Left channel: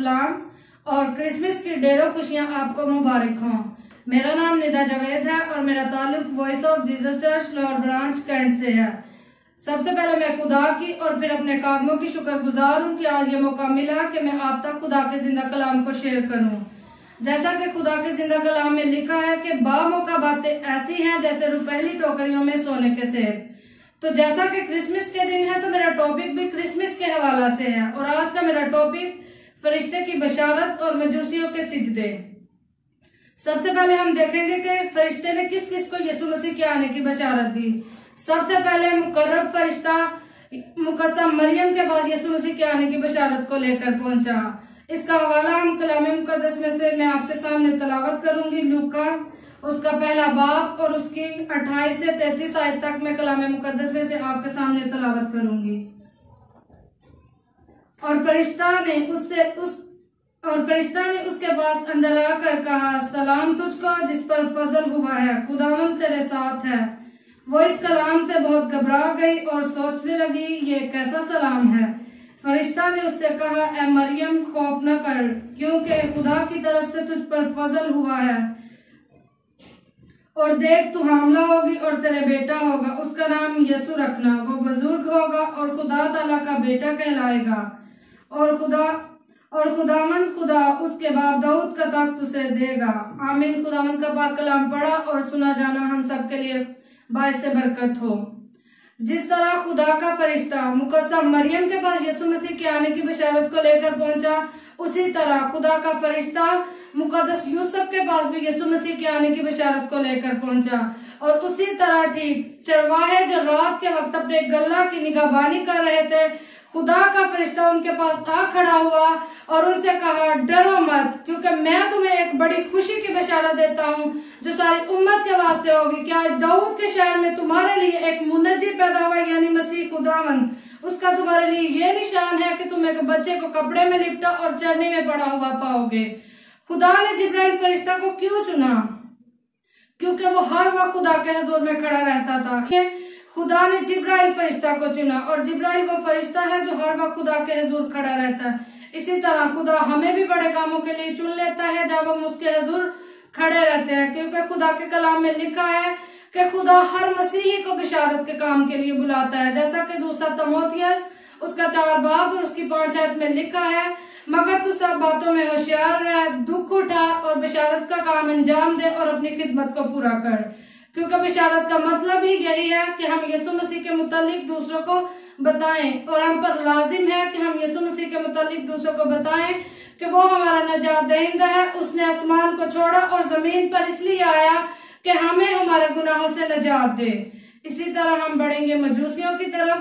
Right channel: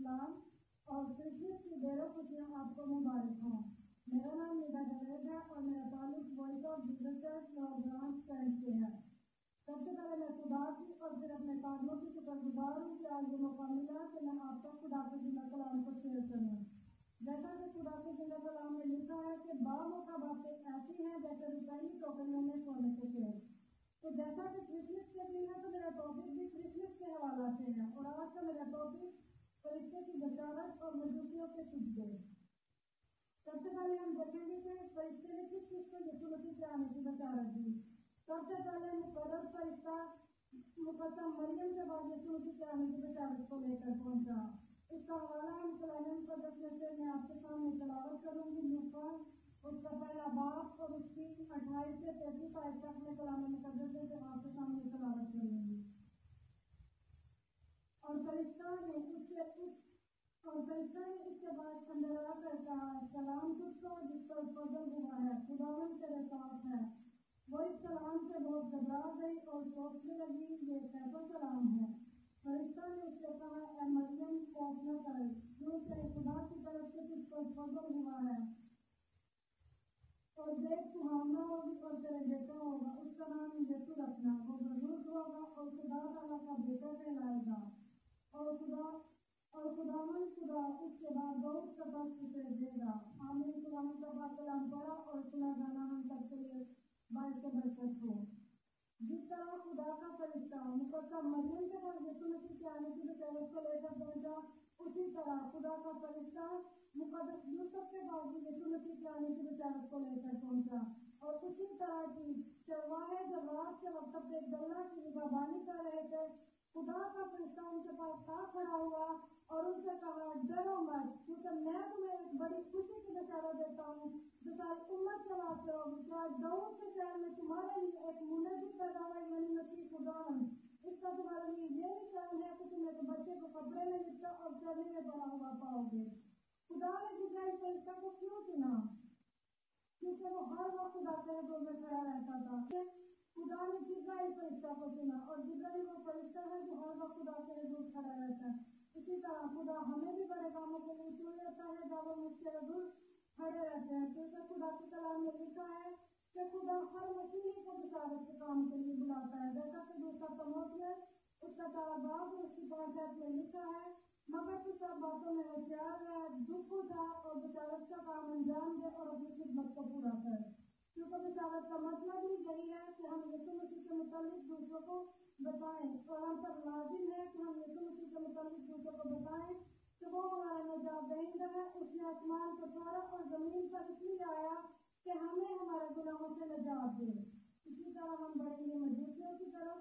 सलाम और क्रिसमस की ढेरों खुशियां आपको मुबारक हों। मेरा नाम निदा जावेद है और मेरा ताल्लुक Voice of Jesus Church Lahore branch Cantt से है। सबसे पहले मैं खुदा की और फिर अपने कादमों की शुक्रगुजार हूँ कि आज ये मौका मिला कि मैं आप तक खुदा के जिंदा कलाम को शेयर करूँ। जैसा कि खुदा के जिंदा कलाम में लिखा है कि बामौका बातें ऐसी हैं जैसे रुपहली टोकरियों में सोने के सेब। तो जैसा कि क्रिसमस के दिन है तो मेरा टॉपिक भी क्रिसमस के हवाला से है और आज का मेरा टॉपिक फरिश्ते की बशारत और मजूसियों के सिजदे। सबसे पहले हम देखेंगे कि फरिश्ते ने किस किस को यीशु मसीह के आने की बशारत दी। सबसे पहले मुकर्रब फरिश्ता मुकस्सम मरियम के पास यीशु मसीह के आने की बशारत को लेकर पहुंचा। इसका हवाला हम कलाम मुकद्दस में से मैं आपके सामने तलावत करूंगी। लूका उसका पहला बाब और उसकी 28 से 33 आयत तक मैं कलाम मुकद्दस में से आपके सामने तलावत करूंगी। और फरिश्ता ने उसके पास अंदर आकर कहा, सलाम तुझको जिस पर फजल हुआ है, खुदावंद तेरे साथ है। वो इस कलाम से बहुत घबरा गई और सोचने लगी ये कैसा सलाम है। फरिश्ता ने उससे कहा, ए मरियम खौफ न कर, क्योंकि खुदा की तरफ से तुझ पर फजल हुआ है। और देख तू हामला होगी और तेरे बेटा होगा, उसका नाम यीशु रखना। वो बुजुर्ग होगा और खुदा ताला का बेटा कहलाएगा और खुदावंद खुदा उसके बाप दाऊद का तख्त उसे देगा। आमीन। खुदावंद का पाक कलाम पढ़ा और सुना जाना हम सबके लिए बाइस से बरकत हो। जिस तरह खुदा का फरिश्ता मुकस्सम मरियम के पास यीशु मसीह के आने की बशारत को लेकर पहुंचा, उसी तरह खुदा का फरिश्ता मुकद्दस यूसुफ के पास भी यीशु मसीह के आने की बशारत को लेकर पहुंचा। और उसी तरह ठीक चरवाहे जो रात के वक्त अपने गल्ला की निगहबानी कर रहे थे, खुदा का फरिश्ता उनके पास आ खड़ा हुआ और उनसे कहा, डरो मत, क्योंकि मैं तुम्हें एक बड़ी खुशी की बशारत देता हूँ जो सारी उम्मत के वास्ते होगी कि आज दाऊद के शहर में तुम्हारे लिए एक मुनज्जी पैदा हुआ, यानी मसीह खुदावंद। उसका तुम्हारे लिए ये निशान है कि तुम एक बच्चे को कपड़े में लिपटा और चरनी में पड़ा हुआ पाओगे। खुदा ने जिब्राइल फरिश्ता को क्यों चुना? क्योंकि वो हर वक्त खुदा के हुजूर में खड़ा रहता था। खुदा ने जिब्राइल फरिश्ता को चुना और जिब्राइल वो फरिश्ता है जो हर वक्त खुदा के हुजूर खड़ा रहता है। इसी तरह खुदा हमें भी बड़े कामों के लिए चुन लेता है जब हम उसके हुजूर खड़े रहते हैं, क्योंकि खुदा के कलाम में लिखा है कि खुदा हर मसीही को बिशारत के काम के लिए बुलाता है। जैसा कि दूसरा तीमुथियुस उसका 4 बाब और उसकी 5 आयत में लिखा है, मगर तू सब बातों में होशियार रह, दुख उठा और बिशारत का काम अंजाम दे और अपनी खिदमत को पूरा कर। क्योंकि बिशारत का मतलब ही यही है कि हम यीशु मसीह के मुतालिक दूसरों को बताएं और हम पर लाजिम है कि हम यीशु मसीह के मुतालिक दूसरों को बताएं कि वो हमारा नजात दहिंदा है। उसने आसमान को छोड़ा और जमीन पर इसलिए आया कि हमें हमारे गुनाहों से नजात दे। इसी तरह हम बढ़ेंगे मजूसियों की तरफ।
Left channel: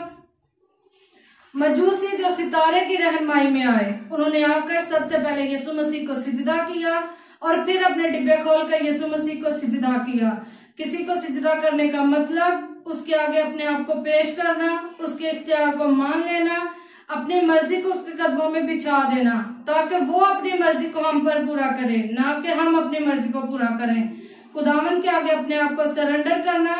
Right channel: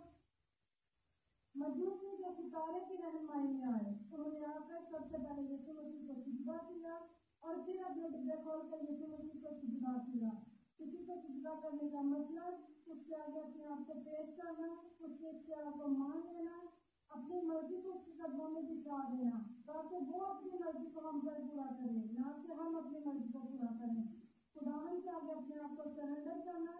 मजूसी जो सितारे की रहनुमाई में आए, उन्होंने आकर सबसे पहले यीशु मसीह को सिजदा किया और फिर अपने डिब्बे खोलकर यीशु मसीह को सिजदा किया। किसी को सिजदा करने का मतलब उसके आगे अपने आप को पेश करना, उसके इख्तियार को मान लेना, अपनी मर्जी को उसके कदमों में बिछा देना ताकि वो अपनी मर्जी को हम पर पूरा करे, ना कि हम अपनी मर्जी को पूरा करें। खुदावंद के आगे अपने आप को सरेंडर करना।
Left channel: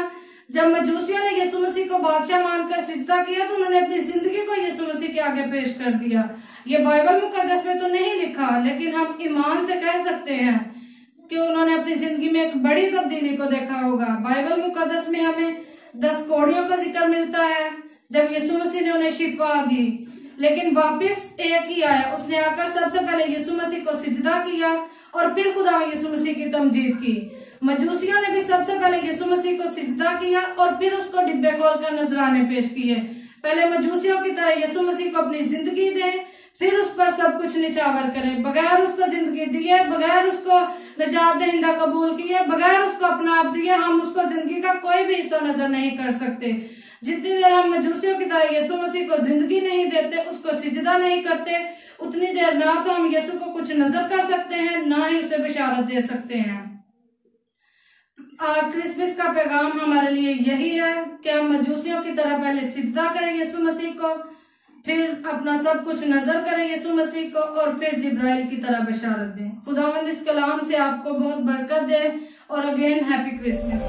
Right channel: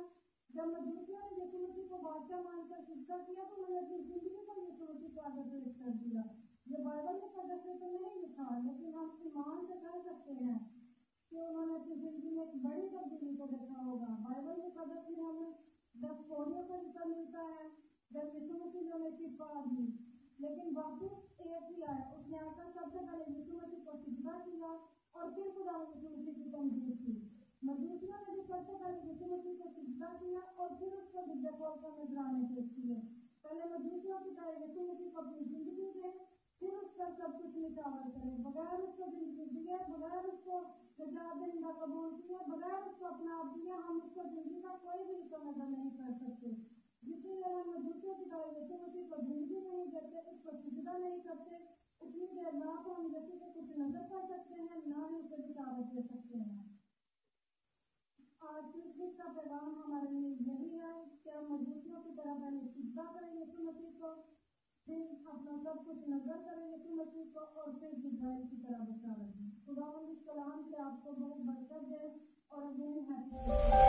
जब मजूसियों ने यीशु मसीह को बादशाह मानकर सिजदा किया तो उन्होंने अपनी जिंदगी को यीशु मसीह के आगे पेश कर दिया। ये बाइबल मुकद्दस में तो नहीं लिखा, लेकिन हम ईमान से कह सकते हैं कि उन्होंने अपनी जिंदगी में एक बड़ी तब्दीली को देखा होगा। बाइबल मुकद्दस में हमें 10 कोड़ियों का जिक्र मिलता है जब यीशु मसीह ने उन्हें शिफा दी, लेकिन वापस एक ही आया। उसने आकर सबसे पहले यीशु मसीह को सिजदा किया और फिर खुदा यीशु मसीह की तमजीद की। मजूसियों ने भी सबसे पहले यीशु मसीह को सिजदा किया और फिर उसको डिब्बे खोलकर नजराने पेश किए। पहले मजूसियों की तरह यीशु मसीह को अपनी जिंदगी दें, फिर उस पर सब कुछ निछावर करें। बगैर उसको जिंदगी दिए, बगैर उसको नजात दहिंदा कबूल किए, बगैर उसको अपना आप दिए, हम उसको जिंदगी का कोई भी हिस्सा नजर नहीं कर सकते। जितनी देर हम मजूसियों की तरह यीशु मसीह को जिंदगी नहीं देते, उसको सिजदा नहीं करते, उतनी देर ना तो हम यीशु को कुछ नजर कर सकते हैं, ना ही उसे बिशारत दे सकते हैं। आज क्रिसमस का पैगाम हमारे लिए यही है कि हम मजूसियों की तरह पहले सिजदा करें यीशु मसीह को, फिर अपना सब कुछ नजर करें यीशु मसीह को और फिर जिब्राइल की तरह बशारत दें। खुदावंद इस कलाम से आपको बहुत बरकत दे और अगेन हैप्पी क्रिसमस।